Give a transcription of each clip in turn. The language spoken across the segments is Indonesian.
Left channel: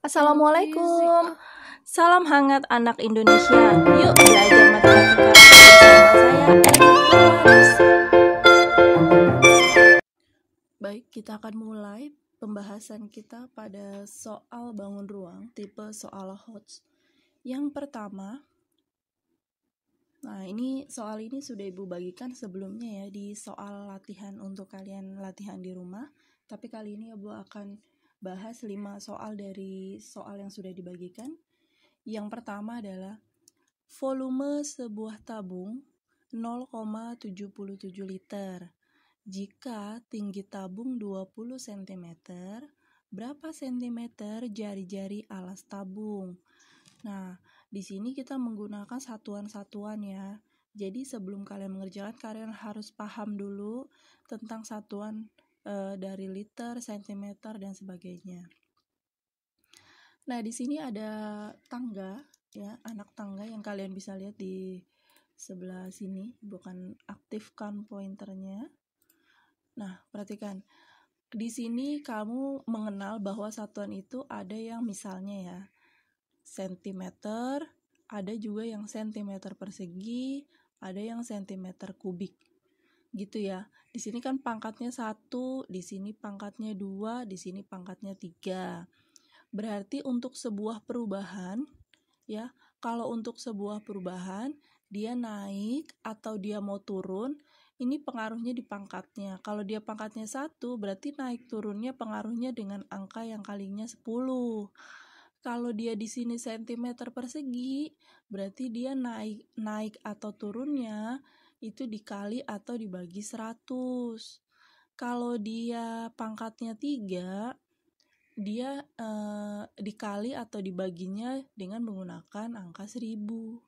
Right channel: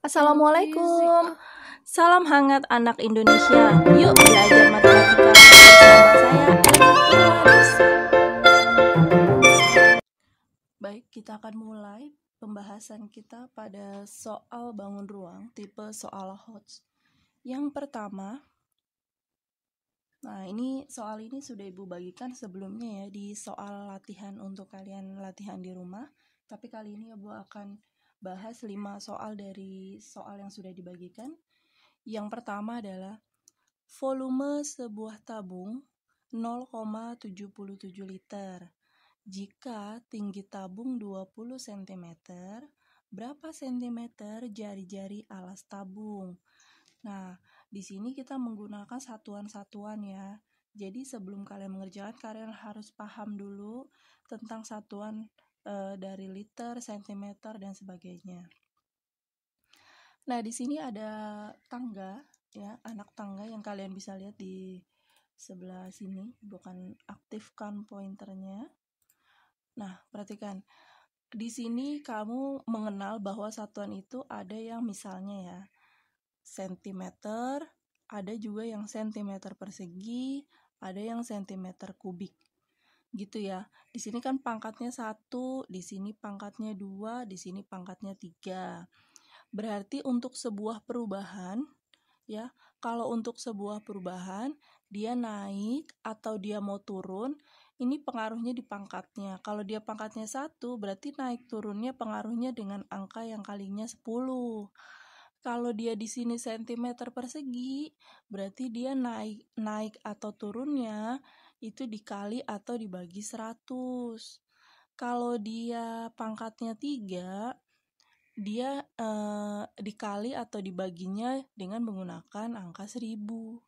Assalamualaikum. Salam hangat anak Indonesia. Yuk belajar matematika bersama saya Eli Purwanis. Baik, kita akan mulai pembahasan kita pada soal bangun ruang tipe soal Hodge. Yang pertama, soal ini sudah Ibu bagikan sebelumnya ya di soal latihan untuk kalian latihan di rumah. Tapi kali ini Ibu akan bahas 5 soal dari soal yang sudah dibagikan. Yang pertama adalah volume sebuah tabung 0,77 liter. Jika tinggi tabung 20 cm, berapa cm jari-jari alas tabung? Nah, di sini kita menggunakan satuan-satuan ya. Jadi sebelum kalian mengerjakan, kalian harus paham dulu tentang satuan dari liter, sentimeter, dan sebagainya. Nah, di sini ada tangga ya, anak tangga yang kalian bisa lihat di sebelah sini, bukan aktifkan pointernya. Nah, perhatikan. Di sini kamu mengenal bahwa satuan itu ada yang misalnya ya, sentimeter, ada juga yang sentimeter persegi, ada yang sentimeter kubik. Gitu ya. Di sini kan pangkatnya 1, di sini pangkatnya 2, di sini pangkatnya 3. Berarti untuk sebuah perubahan ya, kalau untuk sebuah perubahan dia naik atau dia mau turun, ini pengaruhnya di pangkatnya. Kalau dia pangkatnya 1, berarti naik turunnya pengaruhnya dengan angka yang kalinya 10. Kalau dia di sini sentimeter persegi, berarti dia naik atau turunnya itu dikali atau dibagi 100. Kalau dia pangkatnya 3, dia dikali atau dibaginya dengan menggunakan angka 1000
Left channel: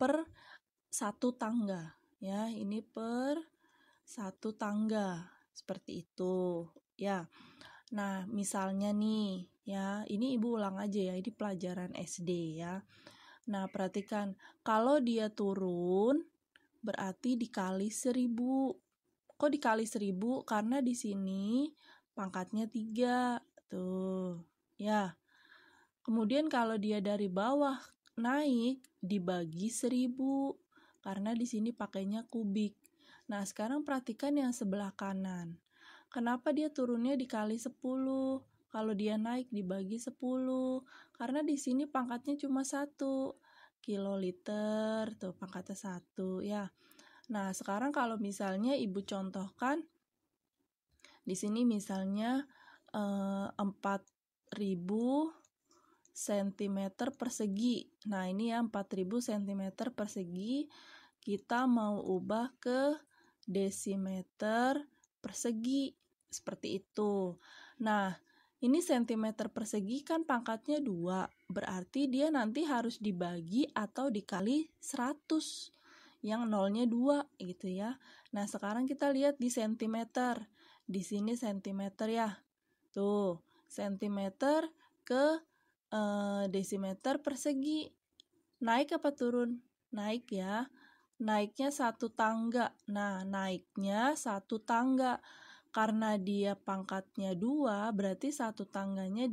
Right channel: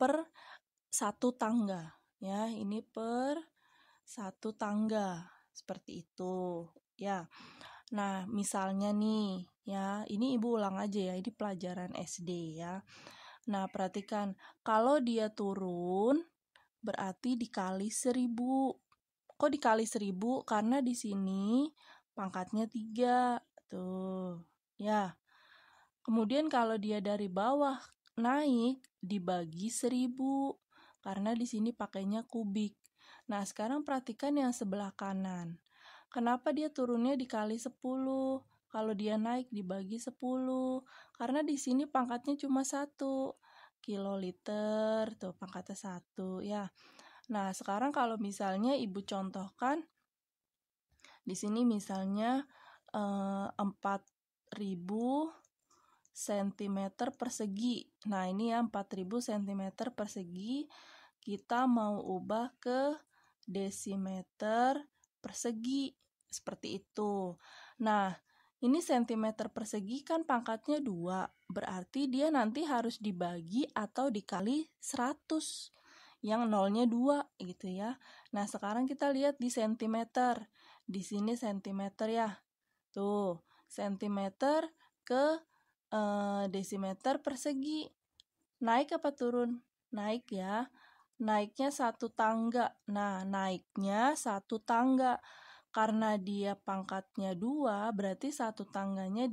per satu tangga ya, ini per satu tangga seperti itu ya. Nah, misalnya nih ya, ini Ibu ulang aja ya, ini pelajaran SD ya. Nah, perhatikan, kalau dia turun berarti dikali 1000. Kok dikali 1000? Karena di sini pangkatnya 3. Tuh, ya. Kemudian kalau dia dari bawah naik dibagi 1000 karena di sini pakainya kubik. Nah, sekarang perhatikan yang sebelah kanan. Kenapa dia turunnya dikali 10? Kalau dia naik dibagi 10. Karena di sini pangkatnya cuma 1 kiloliter, tuh pangkatnya 1 ya. Nah, sekarang kalau misalnya Ibu contohkan di sini misalnya 4000 cm persegi. Nah, ini ya 4000 cm persegi. Kita mau ubah ke desimeter persegi. Seperti itu. Nah, ini cm persegi kan pangkatnya 2. Berarti dia nanti harus dibagi atau dikali 100. Yang nolnya 2 gitu ya. Nah, sekarang kita lihat di centimeter. Di sini centimeter ya. Tuh, centimeter ke desimeter persegi. Naik apa turun? Naik ya. Naiknya 1 tangga. Nah, naiknya 1 tangga. Karena dia pangkatnya 2, berarti 1 tangganya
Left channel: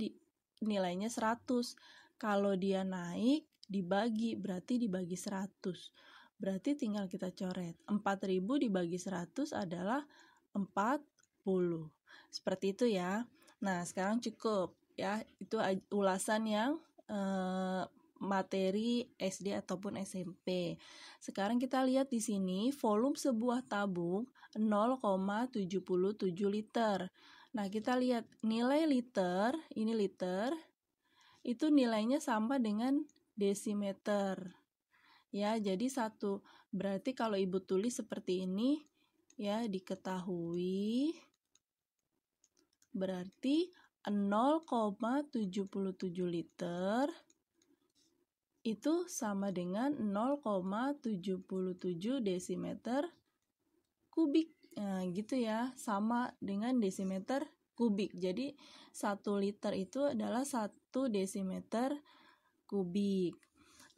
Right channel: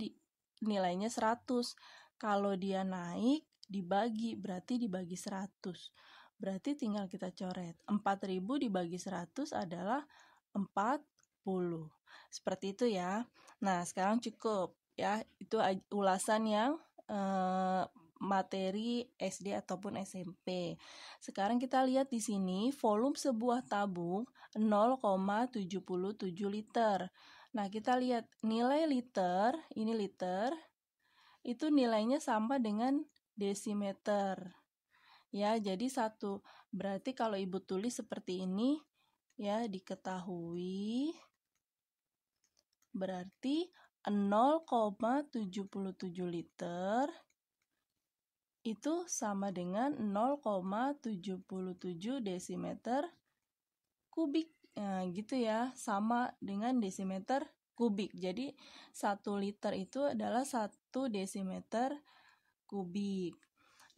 nilainya 100. Kalau dia naik dibagi, berarti dibagi 100. Berarti tinggal kita coret. 4000 dibagi 100 adalah 40. Seperti itu ya. Nah, sekarang cukup ya. Itu ulasan yang materi SD ataupun SMP. Sekarang kita lihat di sini volume sebuah tabung 0,77 liter. Nah, kita lihat nilai liter, ini liter, itu nilainya sama dengan desimeter. Ya, jadi berarti kalau Ibu tulis seperti ini, ya diketahui berarti 0,77 liter itu sama dengan 0,77 desimeter kubik. Nah, gitu ya, sama dengan desimeter kubik. Jadi 1 liter itu adalah 1 desimeter kubik.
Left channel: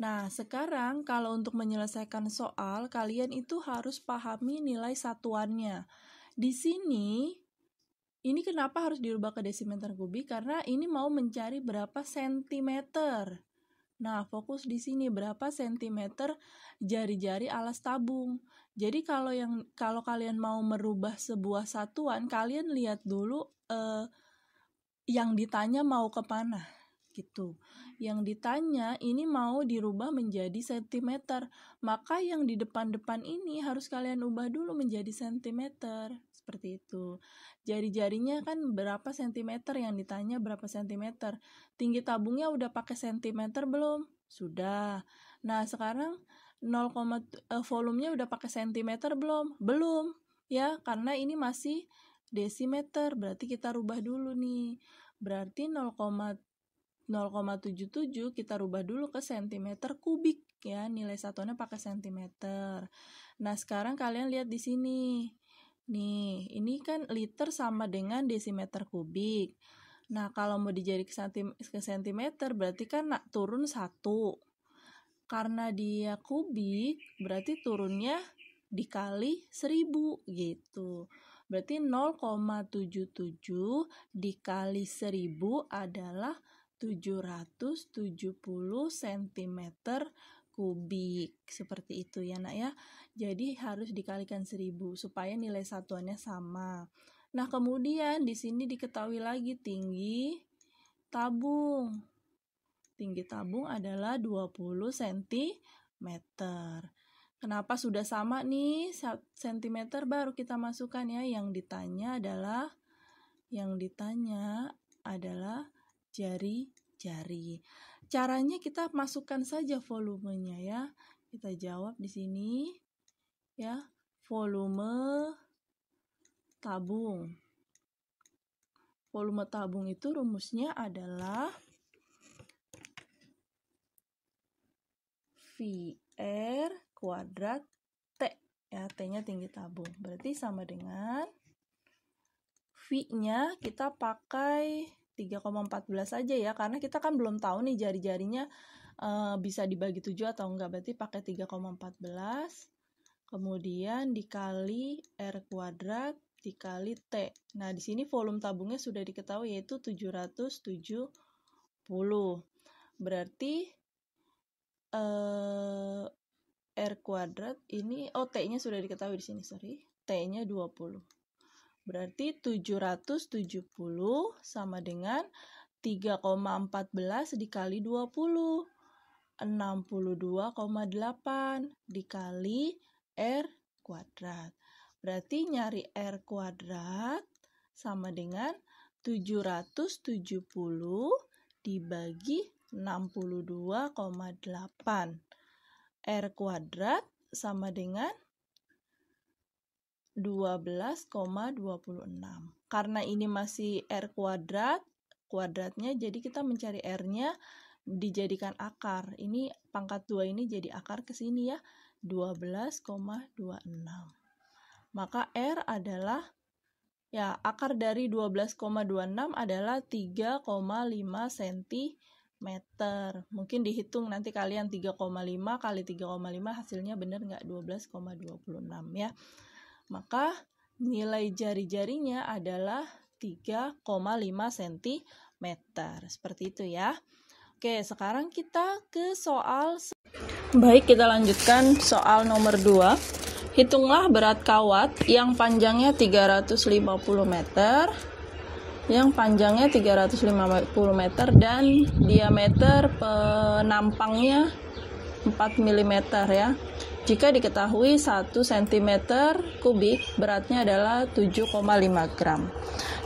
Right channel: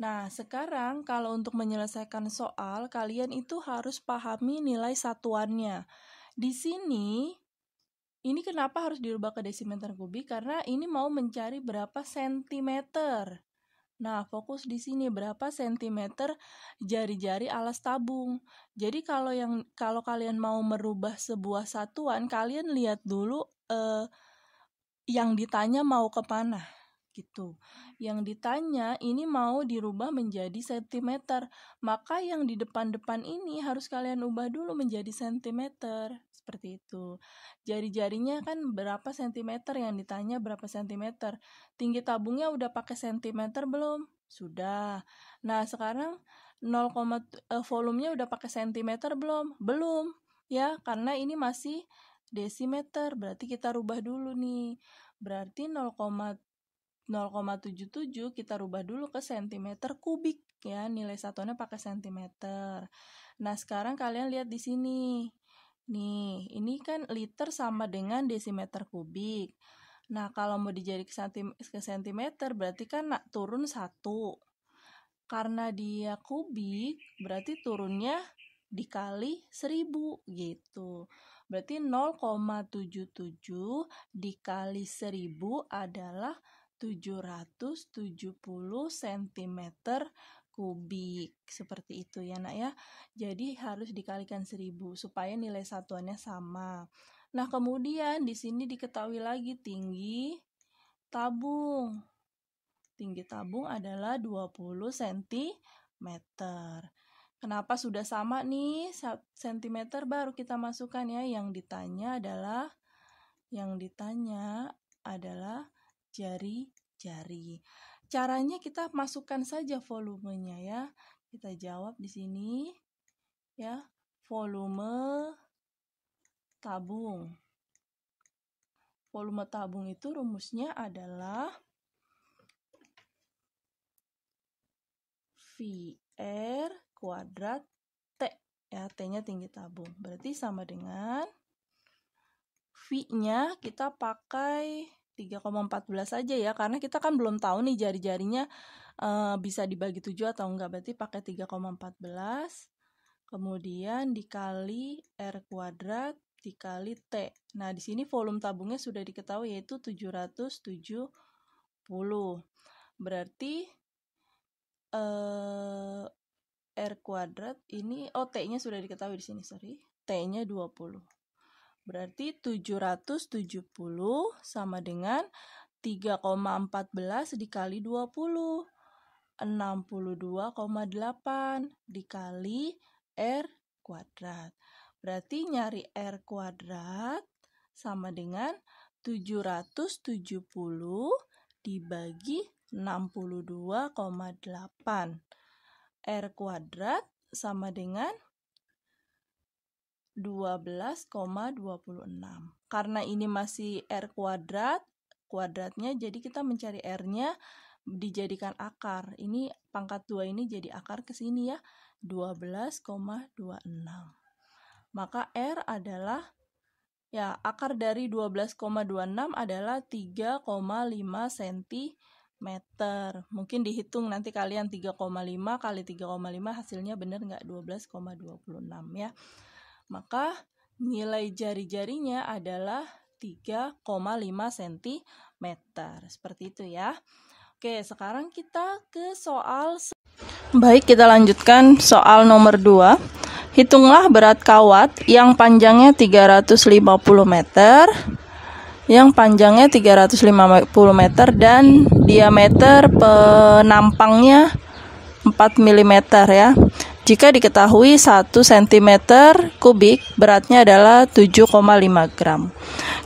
Nah, sekarang kalau untuk menyelesaikan soal, kalian itu harus pahami nilai satuannya. Di sini Ini kenapa harus dirubah ke desimeter kubik? Karena ini mau mencari berapa sentimeter. Nah, fokus di sini berapa sentimeter jari-jari alas tabung. Jadi kalau kalian mau merubah sebuah satuan, kalian lihat dulu yang ditanya mau kemana gitu. Yang ditanya ini mau dirubah menjadi sentimeter, maka yang di depan-depan ini harus kalian ubah dulu menjadi sentimeter. Seperti itu. Jari-jarinya kan berapa sentimeter, yang ditanya berapa sentimeter. Tinggi tabungnya udah pakai sentimeter belum? Sudah. Nah, sekarang volumenya udah pakai sentimeter belum? Belum. Ya, karena ini masih desimeter, berarti kita rubah dulu nih. Berarti 0,77 kita rubah dulu ke sentimeter kubik ya, nilai satuannya pakai sentimeter. Nah, sekarang kalian lihat di sini. Nih, ini kan liter sama dengan desimeter kubik. Nah, kalau mau dijadi ke sentimeter berarti kan turun 1. Karena dia kubik, berarti turunnya dikali 1000 gitu. Berarti 0,77 dikali 1000 adalah 770 cm kubik. Seperti itu ya nak ya. Jadi harus dikalikan 1000 supaya nilai satuannya sama. Nah, kemudian di sini diketahui lagi tinggi tabung. Tinggi tabung adalah 20 cm. Kenapa sudah sama nih sentimeter, baru kita masukkan ya. Yang ditanya adalah jari-jari. Caranya kita masukkan saja volumenya ya. Kita jawab di sini ya, volume tabung. Volume tabung itu rumusnya adalah VR kuadrat T ya, T-nya tinggi tabung. Berarti sama dengan V-nya kita pakai 3,14 saja ya, karena kita kan belum tahu nih jari-jarinya bisa dibagi 7 atau enggak. Berarti pakai 3,14 kemudian dikali R kuadrat dikali T. Nah, di sini volume tabungnya sudah diketahui yaitu 770. Berarti R kuadrat ini, T-nya sudah diketahui di sini, T-nya 20. Berarti 770 sama dengan 3,14 dikali 20. 62,8 dikali R kuadrat. Berarti nyari R kuadrat sama dengan 770 dibagi 62,8. R kuadrat sama dengan 12,26. Karena ini masih R kuadratnya, jadi kita mencari R-nya dijadikan akar. Ini pangkat 2 ini jadi akar ke sini ya, 12,26. Maka R adalah ya, akar dari 12,26 adalah 3,5 cm. Mungkin dihitung nanti kalian 3,5 kali 3,5 hasilnya benar nggak 12,26 ya. Maka nilai jari-jarinya adalah 3,5 cm. Seperti itu ya. Oke, sekarang kita ke soal. Baik, kita lanjutkan soal nomor 2. Hitunglah berat kawat yang panjangnya 350 meter, dan diameter penampangnya 4 mm ya. Jika diketahui 1 cm kubik beratnya adalah 7,5 gram.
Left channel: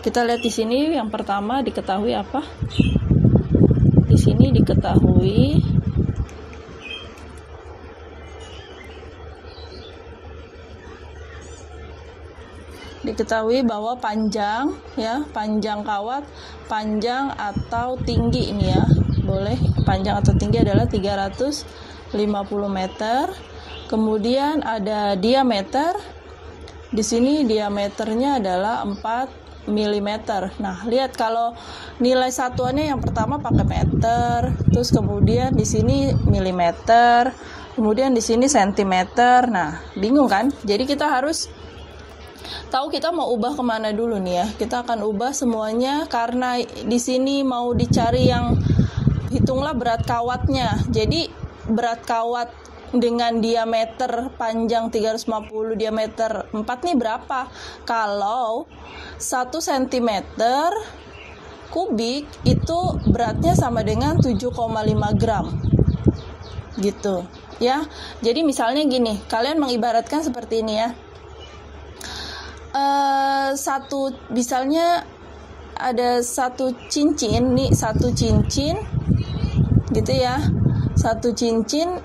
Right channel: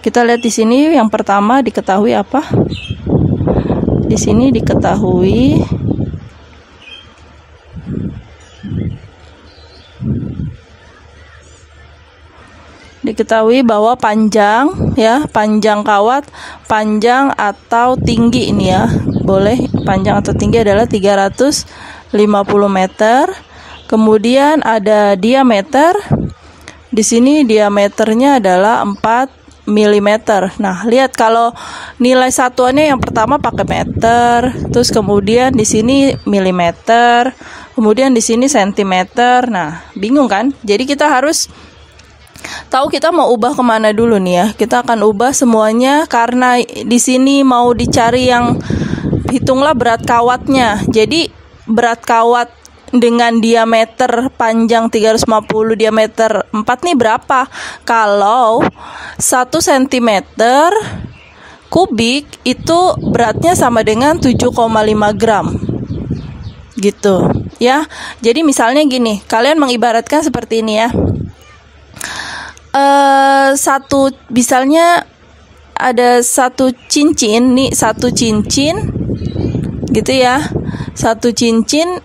Kita lihat di sini yang pertama diketahui apa? Di sini diketahui bahwa panjang ya, panjang kawat, panjang atau tinggi ini ya. Boleh panjang atau tinggi adalah 350 meter. Kemudian ada diameter. Di sini diameternya adalah 4 mm. Nah, lihat kalau nilai satuannya yang pertama pakai meter, terus kemudian di sini milimeter, kemudian di sini sentimeter. Nah, bingung kan? Jadi kita harus Tahu kita mau ubah kemana dulu nih ya? Kita akan ubah semuanya karena di sini mau dicari yang hitunglah berat kawatnya. Jadi berat kawat dengan diameter panjang 350, diameter 4 nih berapa? Kalau 1 cm kubik itu beratnya sama dengan 7,5 gram. Gitu ya. Jadi misalnya gini, kalian mengibaratkan seperti ini ya. Misalnya ada satu cincin nih, satu cincin gitu ya. Satu cincin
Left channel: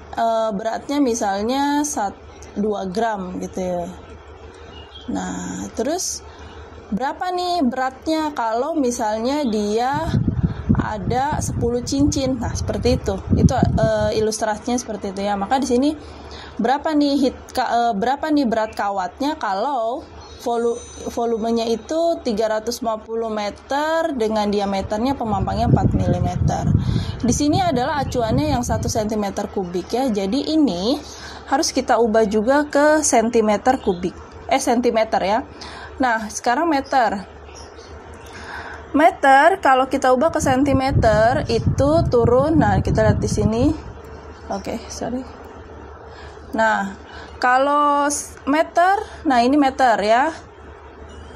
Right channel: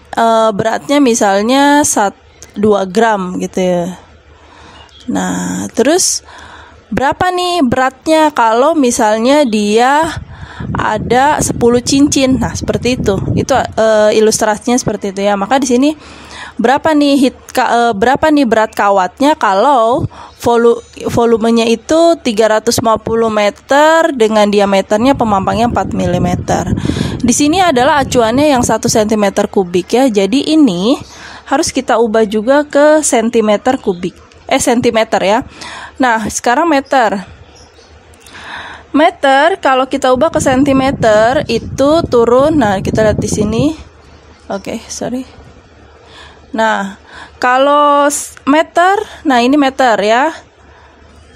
beratnya misalnya 2 gram gitu ya. Nah, terus berapa nih beratnya kalau misalnya dia ada 10 cincin. Nah, seperti itu. Itu ilustrasinya seperti itu ya. Maka di sini berapa nih berat kawatnya kalau volumenya itu 350 meter dengan diameternya pemampangnya 4 mm. Di sini adalah acuannya yang 1 cm kubik ya. Jadi ini harus kita ubah juga ke cm kubik. Cm ya. Nah, sekarang meter. Meter kalau kita ubah ke cm itu turun. Nah, kita lihat di sini. Sorry. Nah, kalau meter, nah ini meter ya.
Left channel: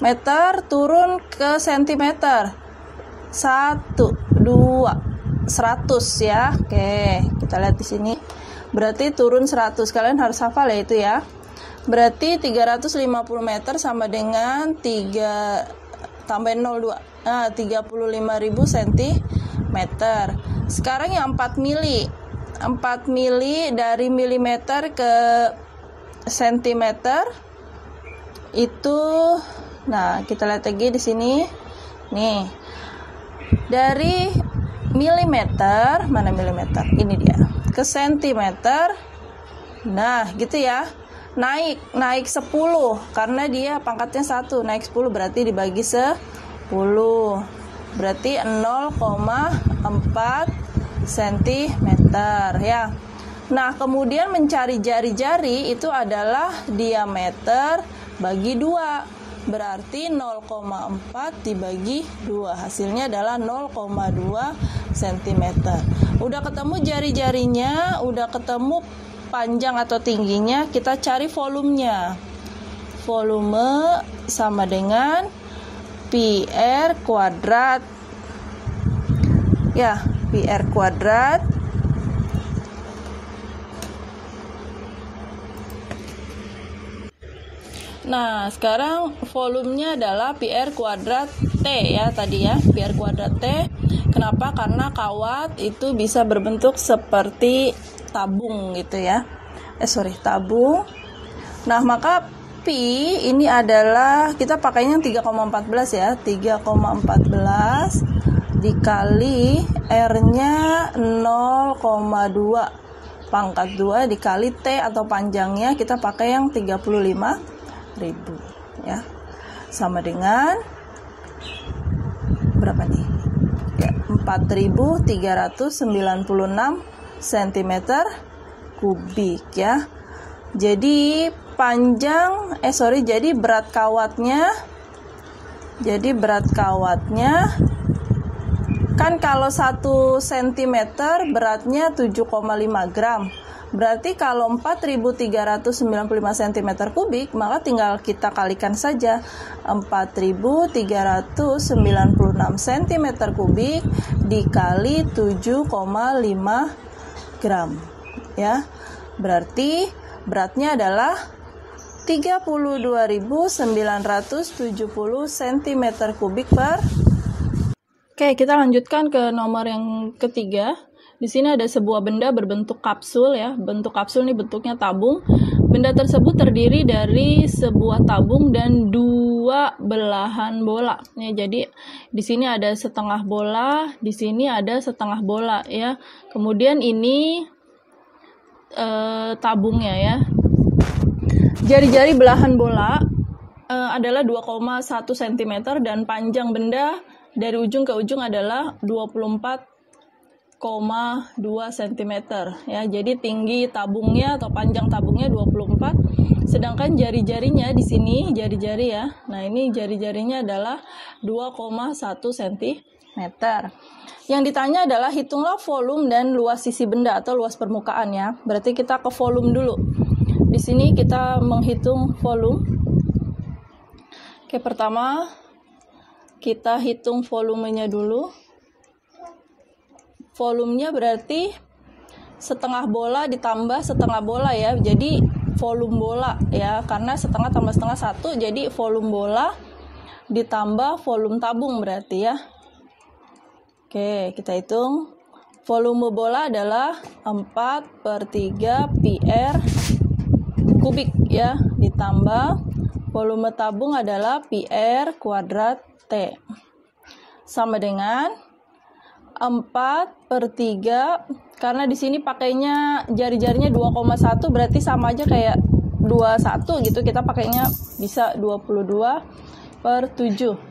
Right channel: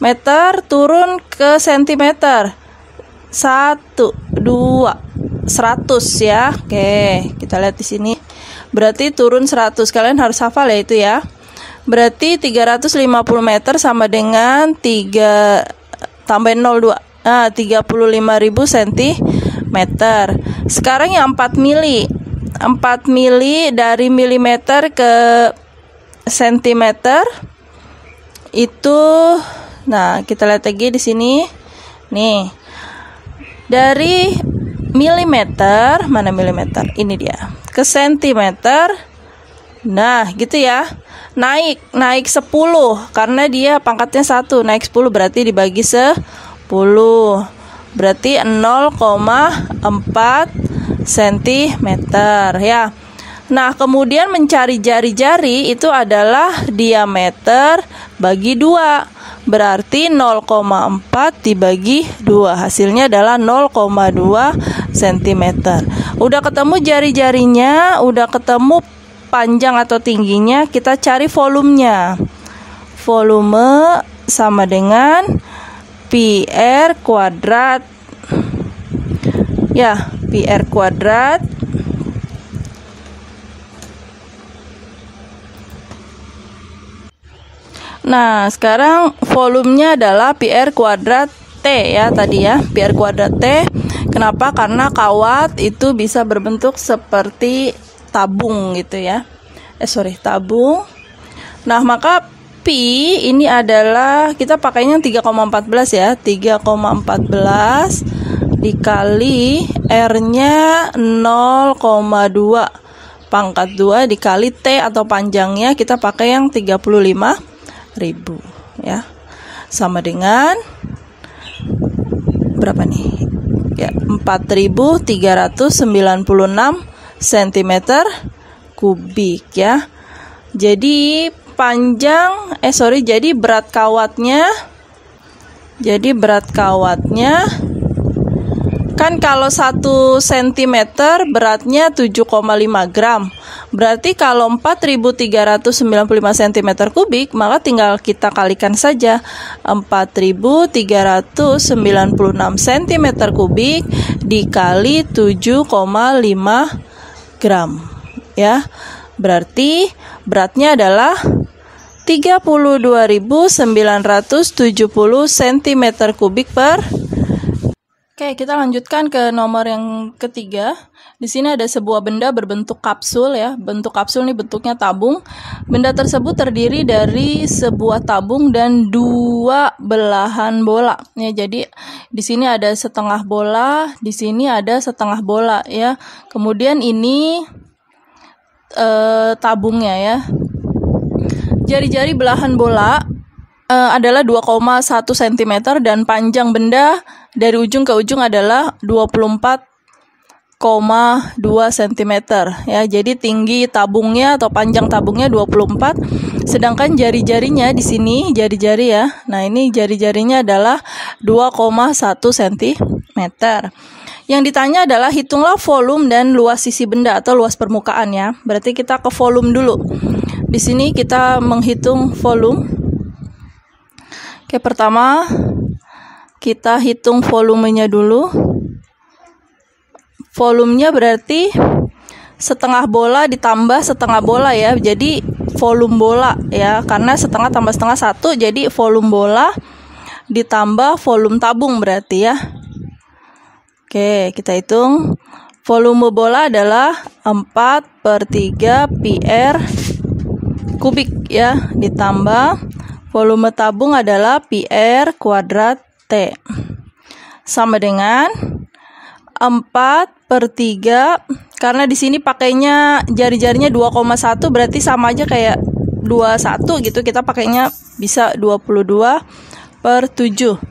Meter turun ke sentimeter. 1, 2, 100 ya. Oke, kita lihat di sini. Berarti turun 100. Kalian harus hafal ya itu ya. Berarti 350 meter sama dengan 3 tambah 02. Nah, 35.000 cm. Sekarang yang 4 mili. 4 mili dari milimeter ke sentimeter itu, nah kita lihat lagi di sini nih, dari milimeter, mana milimeter, ini dia, ke sentimeter. Nah gitu ya, naik 10 karena dia pangkatnya 1, naik 10 berarti dibagi 10 berarti 0,4 cm ya. Nah, kemudian mencari jari-jari itu adalah diameter bagi 2. Berarti 0,4 dibagi 2. Hasilnya adalah 0,2 cm. Udah ketemu jari-jarinya, udah ketemu panjang atau tingginya, kita cari volumenya. Volume sama dengan PR kuadrat. Ya, PR kuadrat Nah, sekarang volumenya adalah PR kuadrat T ya tadi ya, PR kuadrat T. Kenapa? Karena kawat itu bisa berbentuk seperti tabung gitu ya. Tabung. Nah, maka P ini adalah, kita pakainya 3,14 ya, 3,14 dikali R-nya 0,2 pangkat 2 dikali T atau panjangnya kita pakai yang 35.000 ya, sama dengan berapa nih ya, 4.396 cm kubik ya. Jadi jadi berat kawatnya kan kalau 1 cm beratnya 7,5 gram. Berarti kalau 4.395 cm kubik, maka tinggal kita kalikan saja 4.396 cm kubik dikali 7,5 gram ya. Berarti beratnya adalah 32.970 cm kubik per. Oke, kita lanjutkan ke nomor yang ketiga. Di sini ada sebuah benda berbentuk kapsul ya. Bentuk kapsul ini bentuknya tabung. Benda tersebut terdiri dari sebuah tabung dan 2 belahan bola. Ya, jadi di sini ada setengah bola, di sini ada setengah bola ya. Kemudian ini tabungnya ya. Jari-jari belahan bola adalah 2,1 cm dan panjang benda dari ujung ke ujung adalah 24 cm ya. Jadi tinggi tabungnya atau panjang tabungnya 24, sedangkan jari-jarinya di sini jari-jari ya. Nah, ini jari-jarinya adalah 2,1 cm. Yang ditanya adalah hitunglah volume dan luas sisi benda atau luas permukaan ya. Berarti kita ke volume dulu. Di sini kita menghitung volume. Oke, pertama kita hitung volumenya dulu. Volumenya berarti setengah bola ditambah setengah bola ya. Jadi volume bola ya, karena setengah tambah setengah 1, jadi volume bola ditambah volume tabung berarti ya. Oke, kita hitung. Volume bola adalah 4/3 PR kubik ya, ditambah volume tabung adalah PR kuadrat T. Sama dengan 4/3, karena di sini pakainya jari-jarinya 2,1, berarti sama aja kayak 21 gitu. Kita pakainya bisa 22/7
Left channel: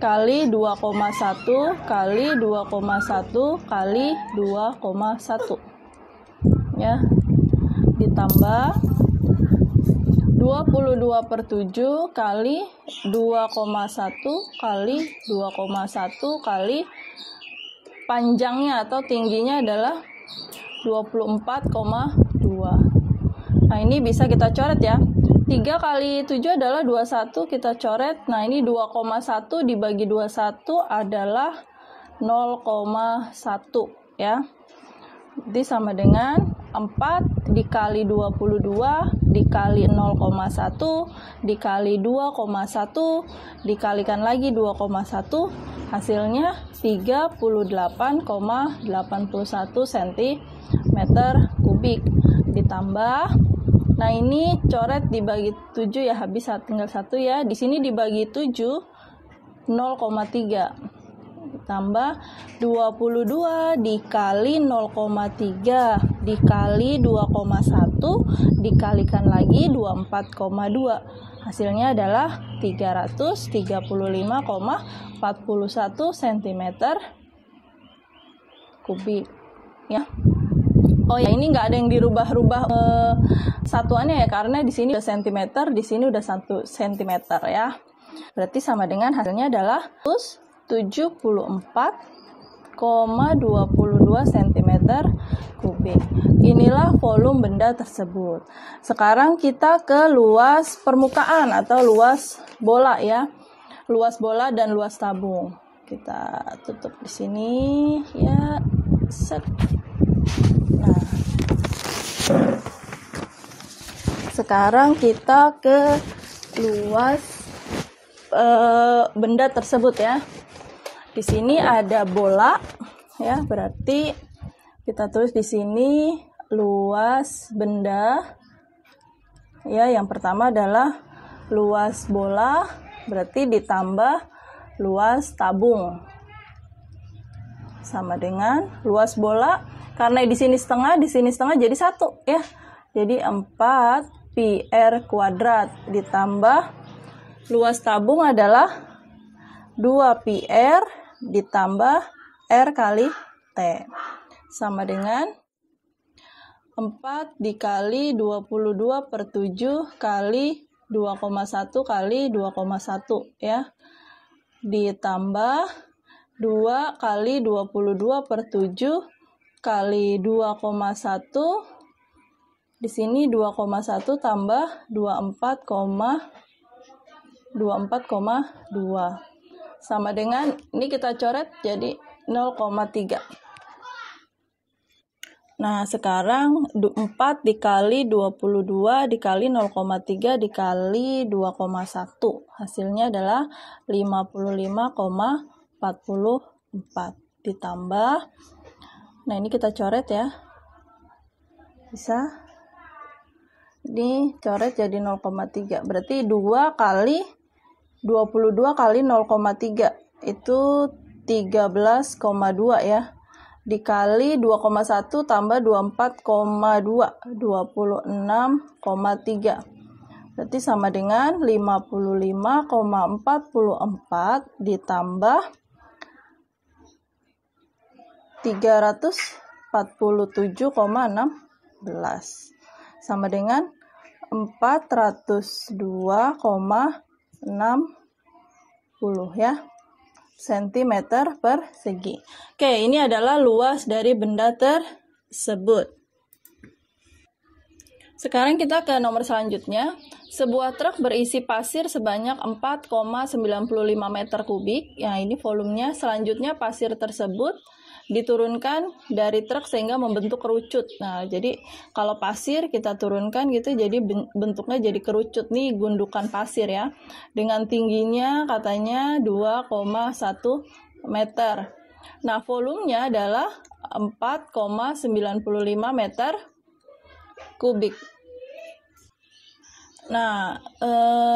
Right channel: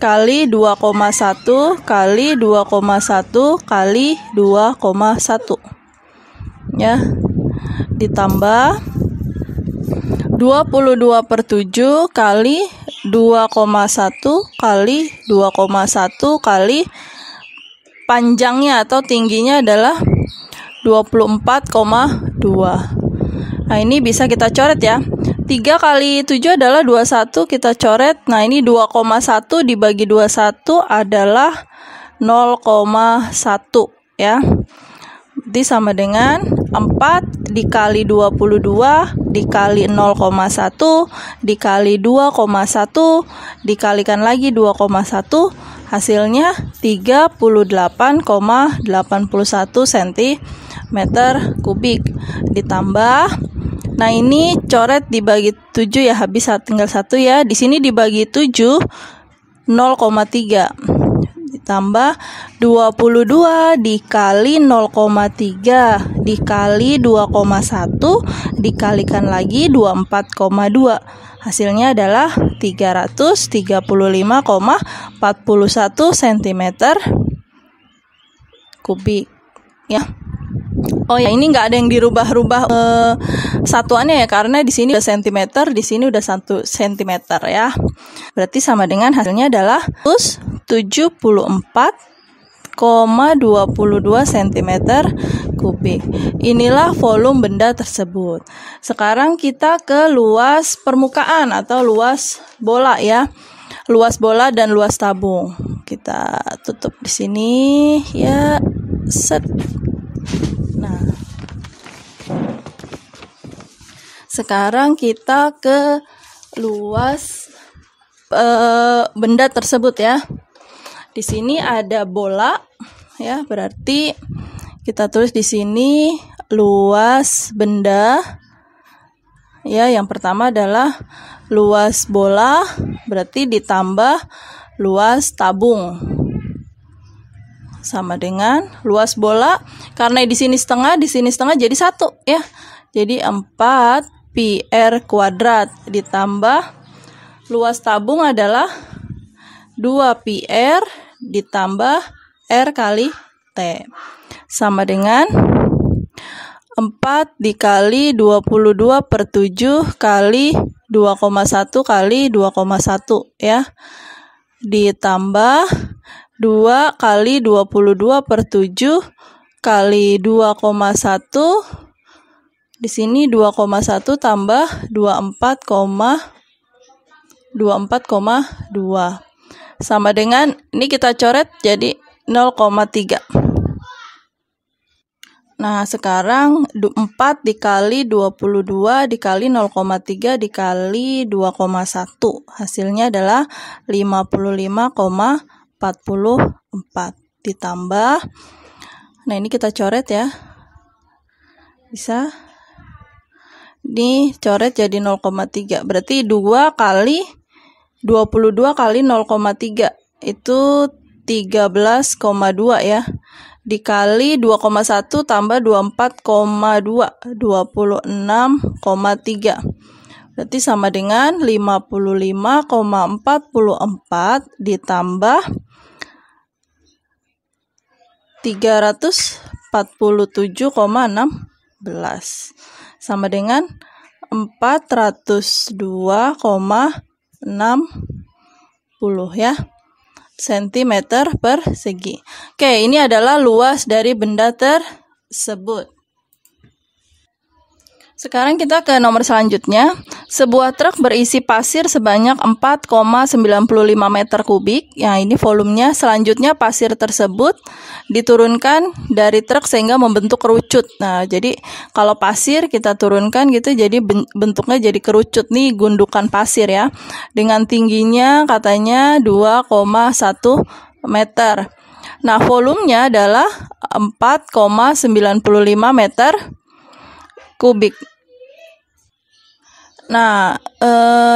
kali 2,1 kali 2,1 kali 2,1 ya, ditambah 22/7 kali 2,1 kali 2,1 kali panjangnya atau tingginya adalah 24,2. Nah, ini bisa kita coret ya. 3 kali 7 adalah 21, kita coret. Nah, ini 2,1 dibagi 21 adalah 0,1 ya. Jadi sama dengan 4 dikali 22 dikali 0,1 dikali 2,1 dikalikan lagi 2,1, hasilnya 38,81 cm kubik. Ditambah, nah ini coret dibagi 7 ya, habis tinggal 1 ya. Di sini dibagi 7 0,3 ditambah 22 dikali 0,3 dikali 2,1 dikalikan lagi 24,2, hasilnya adalah 335,41 cm kubik ya. Oh ya, ini nggak ada yang dirubah-rubah satuannya ya, karena di sini udah cm, di sini udah 1 cm ya. Berarti sama dengan hasilnya adalah 74,22 cm kubik. Inilah volume benda tersebut. Sekarang kita ke luas permukaan atau luas bola ya. Luas bola dan luas tabung. Kita tutup di sini ya. Set. Nah, sekarang kita ke luas benda tersebut ya. Di sini ada bola ya, berarti kita tulis di sini luas benda ya. Yang pertama adalah luas bola, berarti ditambah luas tabung sama dengan luas bola, karena di sini setengah jadi 1 ya. Jadi 4 PR kuadrat ditambah luas tabung adalah 2 PR ditambah R kali T sama dengan 4 dikali 22/7 kali 2,1 kali 2,1 ya, ditambah 2 kali 22/7 kali 2,1, di sini 2,1 tambah 24,2 sama dengan, ini kita coret jadi 0,3. Nah, sekarang 4 dikali 22 dikali 0,3 dikali 2,1, hasilnya adalah 55,44 ditambah, nah ini kita coret ya, bisa ini coret jadi 0,3, berarti 2 kali 22 kali 0,3 itu 13,2 ya, dikali 2,1 tambah 24,2 26,3, berarti sama dengan 55,44 ditambah 347,16 sama dengan 402,60 ya sentimeter persegi. Oke, ini adalah luas dari benda tersebut. Sekarang kita ke nomor selanjutnya. Sebuah truk berisi pasir sebanyak 4,95 meter kubik. Ya, ini volumenya. Selanjutnya pasir tersebut diturunkan dari truk sehingga membentuk kerucut. Nah, jadi kalau pasir kita turunkan gitu, jadi bentuknya jadi kerucut. Nih gundukan pasir ya. Dengan tingginya katanya 2,1 meter. Nah, volumenya adalah 4,95 meter kubik. Nah,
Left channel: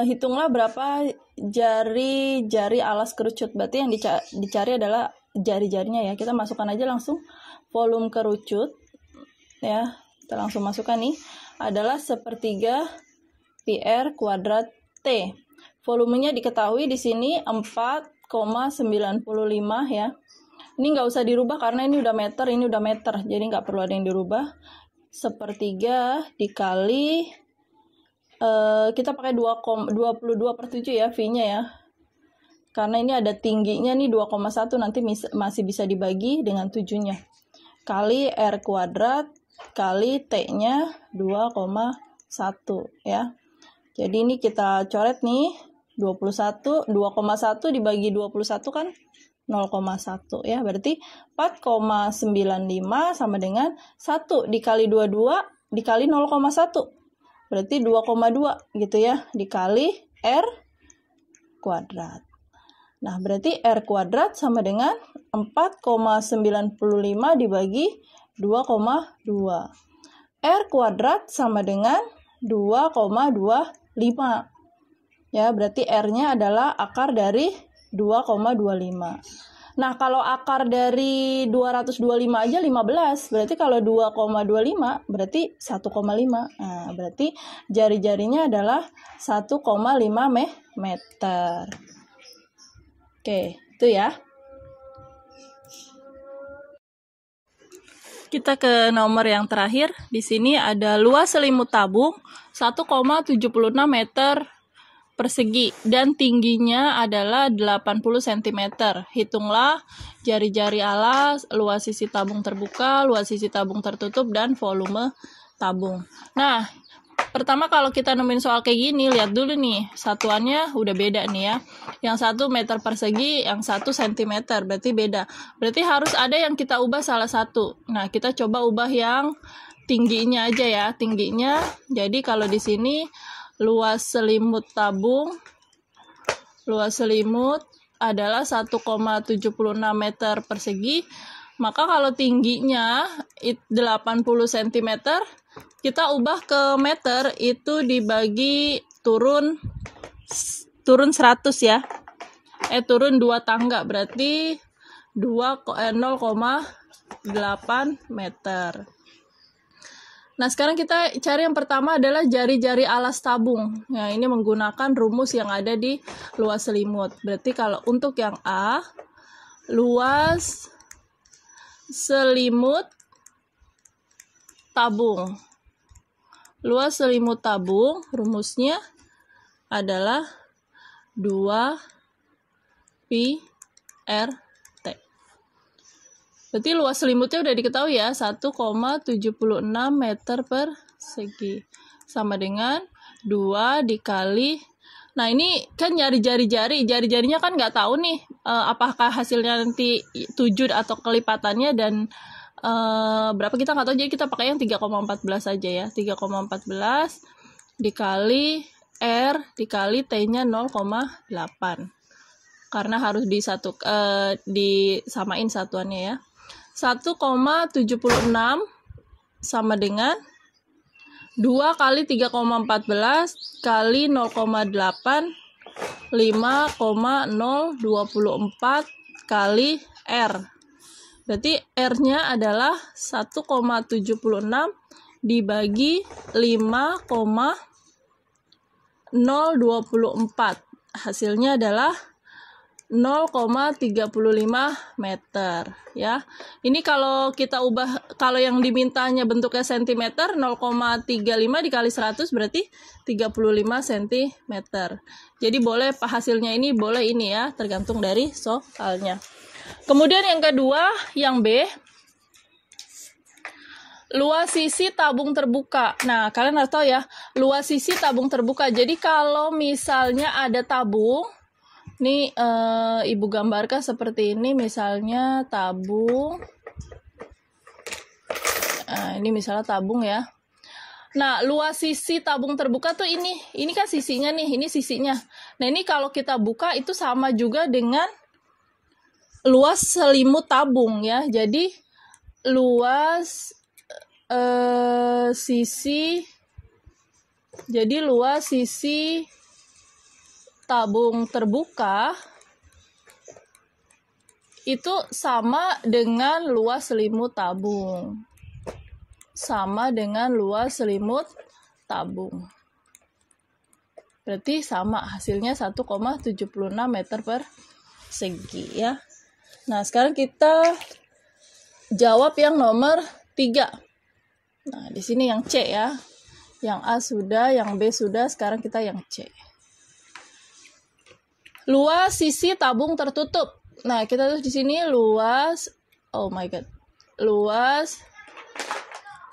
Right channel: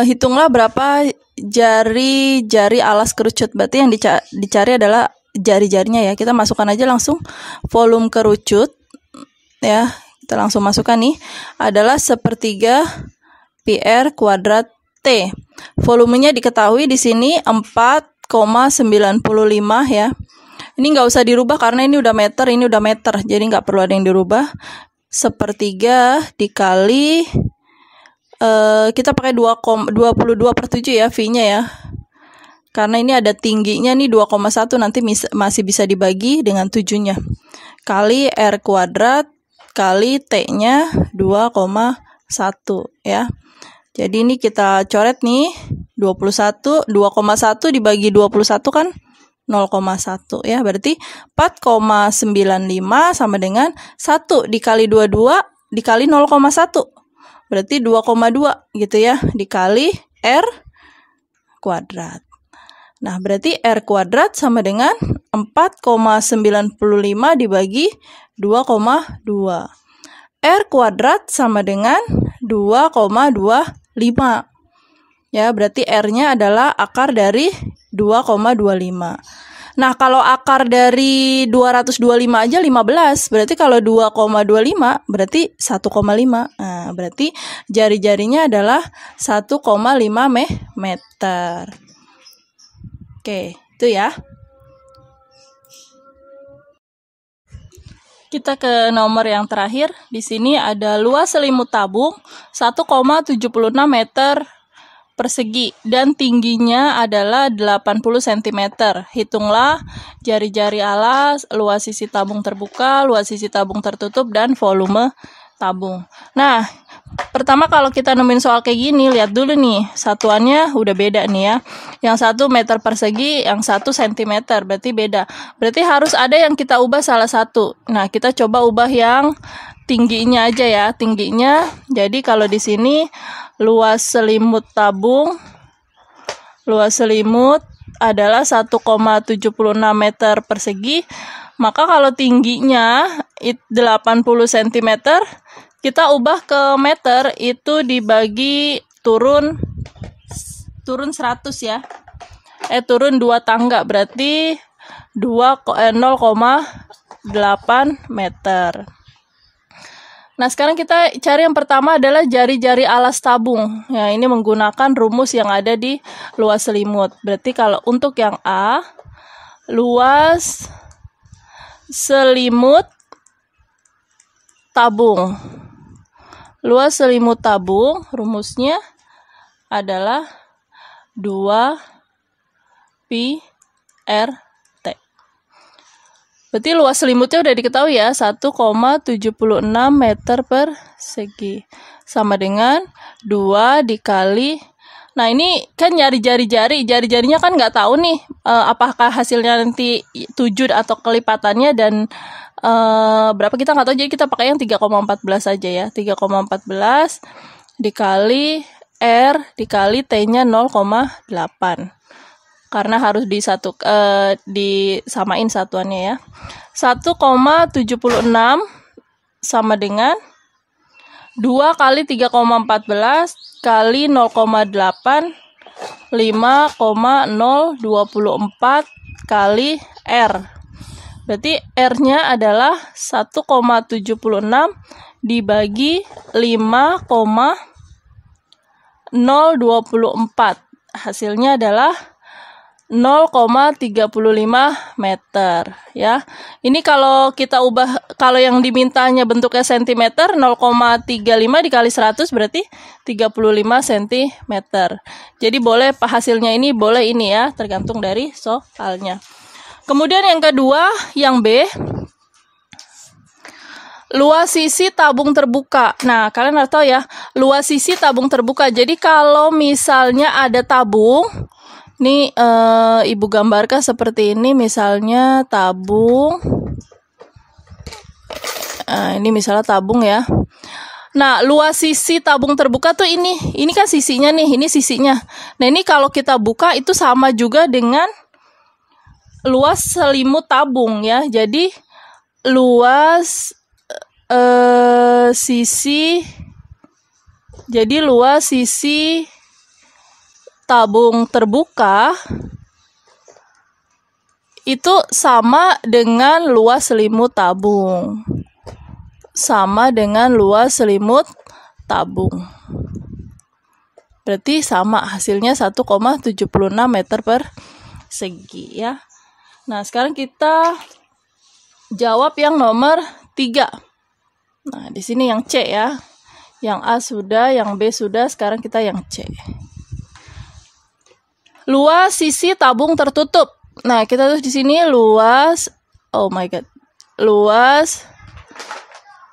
hitunglah berapa jari alas kerucut. Berarti yang dicari adalah jari-jarinya ya. Kita masukkan aja langsung volume kerucut ya. Kita langsung masukkan nih. Adalah 1/3 PR kuadrat T. Volumenya diketahui di sini 4,95 ya. Ini nggak usah dirubah karena ini udah meter, ini udah meter. Jadi nggak perlu ada yang dirubah. 1/3 dikali kita pakai 22/7 ya V-nya ya. Karena ini ada tingginya nih 2,1, nanti masih bisa dibagi dengan 7-nya. Kali R kuadrat kali T-nya 2,1 ya. Jadi ini kita coret nih 2,1 dibagi 21 kan 0,1 ya. Berarti 4,95 sama dengan 1 dikali 22 dikali 0,1. Berarti 2,2 gitu ya, dikali R kuadrat. Nah, berarti R kuadrat sama dengan 4,95 dibagi 2,2. R kuadrat sama dengan 2,25. Ya, berarti R-nya adalah akar dari 2,25. Nah, kalau akar dari 225 aja 15, berarti kalau 2,25 berarti 1,5. Nah, berarti jari-jarinya adalah 1,5 meter. Oke, itu ya. Kita ke nomor yang terakhir. Di sini ada luas selimut tabung 1,76 meter persegi dan tingginya adalah 80 cm. Hitunglah jari-jari alas, luas sisi tabung terbuka, luas sisi tabung tertutup, dan volume tabung. Nah, pertama kalau kita nemuin soal kayak gini, lihat dulu nih, satuannya udah beda nih ya. Yang 1 meter persegi, yang 1 cm, berarti beda. Berarti harus ada yang kita ubah salah satu. Nah, kita coba ubah yang tingginya aja ya, tingginya. Jadi kalau di sini luas selimut tabung, luas selimut adalah 1,76 meter persegi. Maka kalau tingginya 80 cm, kita ubah ke meter, itu dibagi turun 100 ya. Turun 2 tangga, berarti 0,8 meter. Nah, sekarang kita cari yang pertama adalah jari-jari alas tabung. Ya, ini menggunakan rumus yang ada di luas selimut. Berarti kalau untuk yang A, luas selimut tabung. Luas selimut tabung, rumusnya adalah 2 pi R T. Berarti luas selimutnya udah diketahui ya, 1,76 meter persegi. Sama dengan 2 dikali. Nah, ini kan nyari jari-jarinya kan nggak tahu nih apakah hasilnya nanti 7 atau kelipatannya dan berapa kita nggak tahu, jadi kita pakai yang 3,14 aja ya. 3,14 dikali R dikali T-nya 0,8. Karena harus disamain satuannya ya. 1,76 sama dengan 2 kali 3,14 kali 0,8 5,024 kali R. Berarti R-nya adalah 1,76 dibagi 5,024. Hasilnya adalah 0,35 meter ya. Ini kalau kita ubah, kalau yang dimintanya bentuknya cm, 0,35 dikali 100 berarti 35 cm. Jadi boleh hasilnya ini boleh ini ya, tergantung dari soalnya. Kemudian yang kedua, yang B, luas sisi tabung terbuka. Nah, kalian harus tahu ya, luas sisi tabung terbuka. Jadi kalau misalnya ada tabung, nih Ibu gambarkan seperti ini, misalnya tabung. Nah, ini misalnya tabung ya. Nah, luas sisi tabung terbuka tuh ini kan sisinya nih, ini sisinya. Nah, ini kalau kita buka itu sama juga dengan luas selimut tabung ya. Jadi luas luas sisi tabung terbuka itu sama dengan luas selimut tabung. Sama dengan luas selimut tabung. Berarti sama, hasilnya 1,76 meter persegi ya. Nah, sekarang kita jawab yang nomor 3. Nah, di sini yang C ya. Yang A sudah, yang B sudah, sekarang kita yang C. Luas sisi tabung tertutup. Nah, kita tulis di sini luas, oh my god. Luas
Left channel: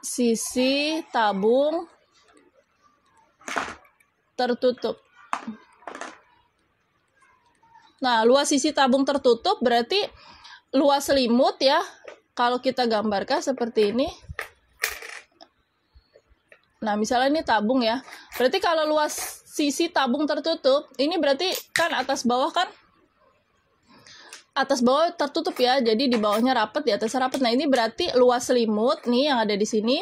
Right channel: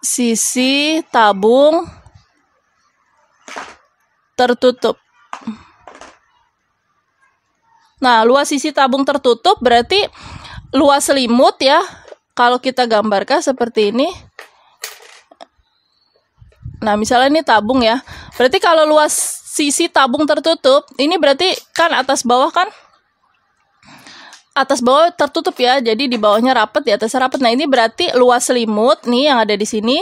sisi tabung tertutup. Nah, luas sisi tabung tertutup berarti luas selimut ya. Kalau kita gambarkan seperti ini. Nah, misalnya ini tabung ya. Berarti kalau luas sisi tabung tertutup, ini berarti kan atas bawah kan? Atas bawah tertutup ya. Jadi di bawahnya rapat, di atasnya rapat. Nah, ini berarti luas selimut nih yang ada di sini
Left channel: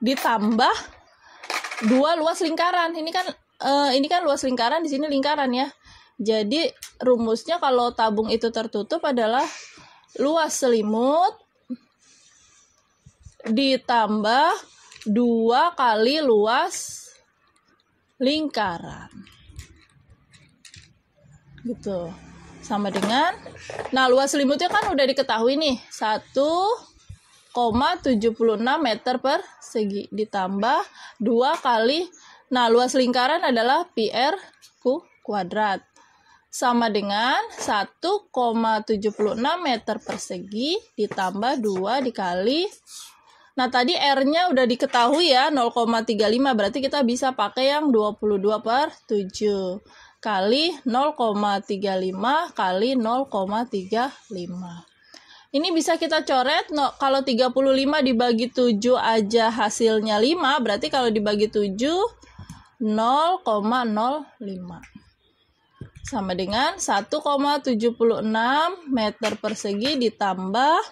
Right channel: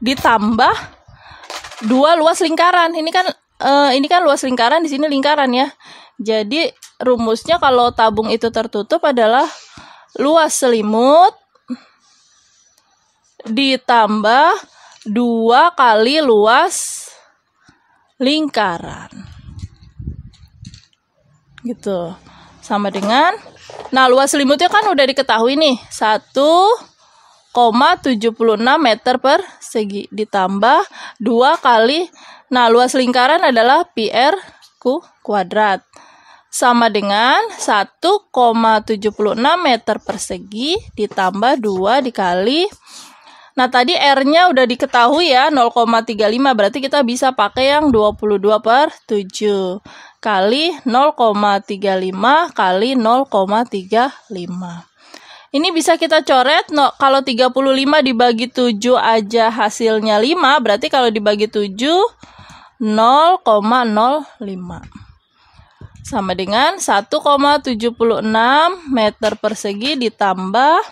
ditambah 2 luas lingkaran. Ini kan luas lingkaran, di sini lingkaran ya. Jadi rumusnya kalau tabung itu tertutup adalah luas selimut ditambah 2 kali luas lingkaran. Gitu. Sama dengan, nah luas selimutnya kan udah diketahui nih, 1,76 meter persegi ditambah 2 kali, nah luas lingkaran adalah pi r kuadrat. Sama dengan 1,76 meter persegi ditambah 2 dikali. Nah, tadi R-nya udah diketahui ya, 0,35. Berarti kita bisa pakai yang 22/7 kali 0,35 kali 0,35. Ini bisa kita coret, kalau 35 dibagi 7 aja hasilnya 5, berarti kalau dibagi 7, 0,05. Sama dengan 1,76 meter persegi ditambah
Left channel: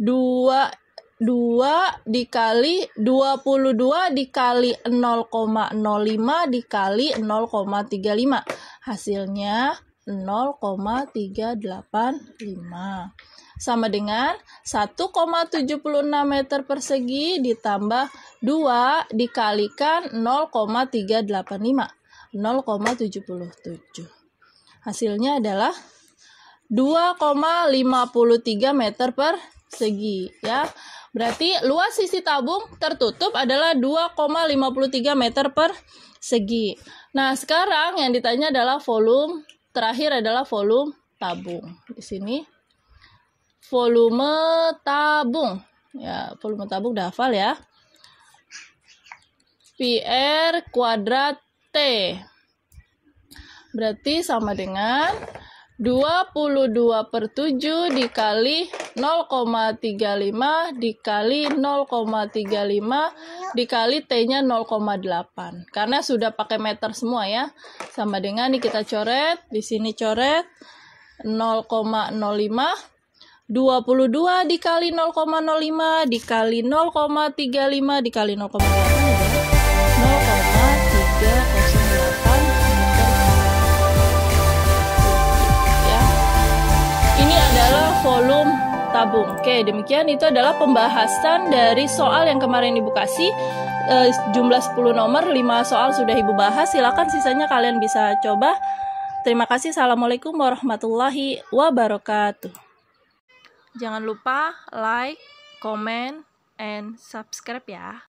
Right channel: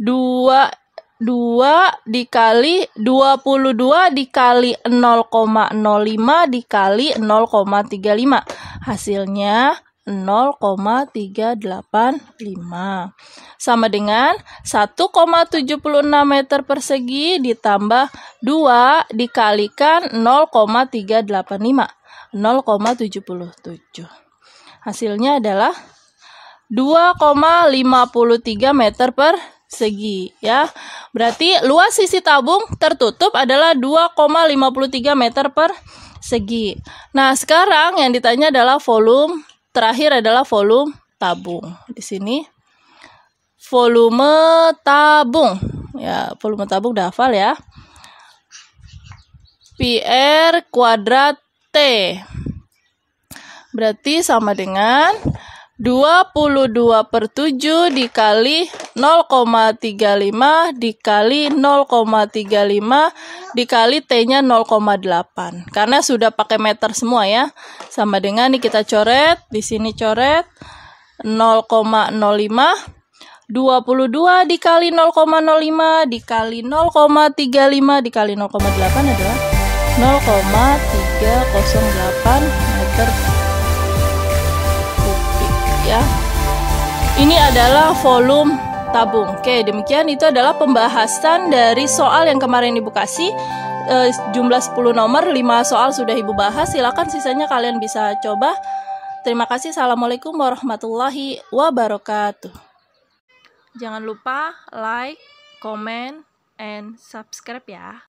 2 dikali 22 dikali 0,05 dikali 0,35. Hasilnya 0,385. Sama dengan 1,76 meter persegi ditambah 2 dikalikan 0,385. 0,77. Hasilnya adalah 2,53 meter persegi ya. Berarti luas sisi tabung tertutup adalah 2,53 meter persegi. Nah, sekarang yang ditanya adalah volume, terakhir adalah volume tabung. Di sini volume tabung. Ya, volume tabung udah hafal ya. Pi R kuadrat T. Berarti sama dengan 22/7 dikali 0,35 dikali 0,35 dikali T-nya 0,8. Karena sudah pakai meter semua ya. Sama dengan nih kita coret, di sini coret 0,05. 22 dikali 0,05 dikali 0,35 dikali 0,8 adalah 0,308 meter kubik ya. Ini adalah volume tabung. Oke, demikian itu adalah pembahasan dari soal yang kemarin Ibu kasih. Jumlah 10 nomor, 5 soal sudah Ibu bahas. Silakan sisanya kalian bisa coba Terima kasih. Assalamualaikum warahmatullahi wabarakatuh. Jangan lupa like, comment, and subscribe ya.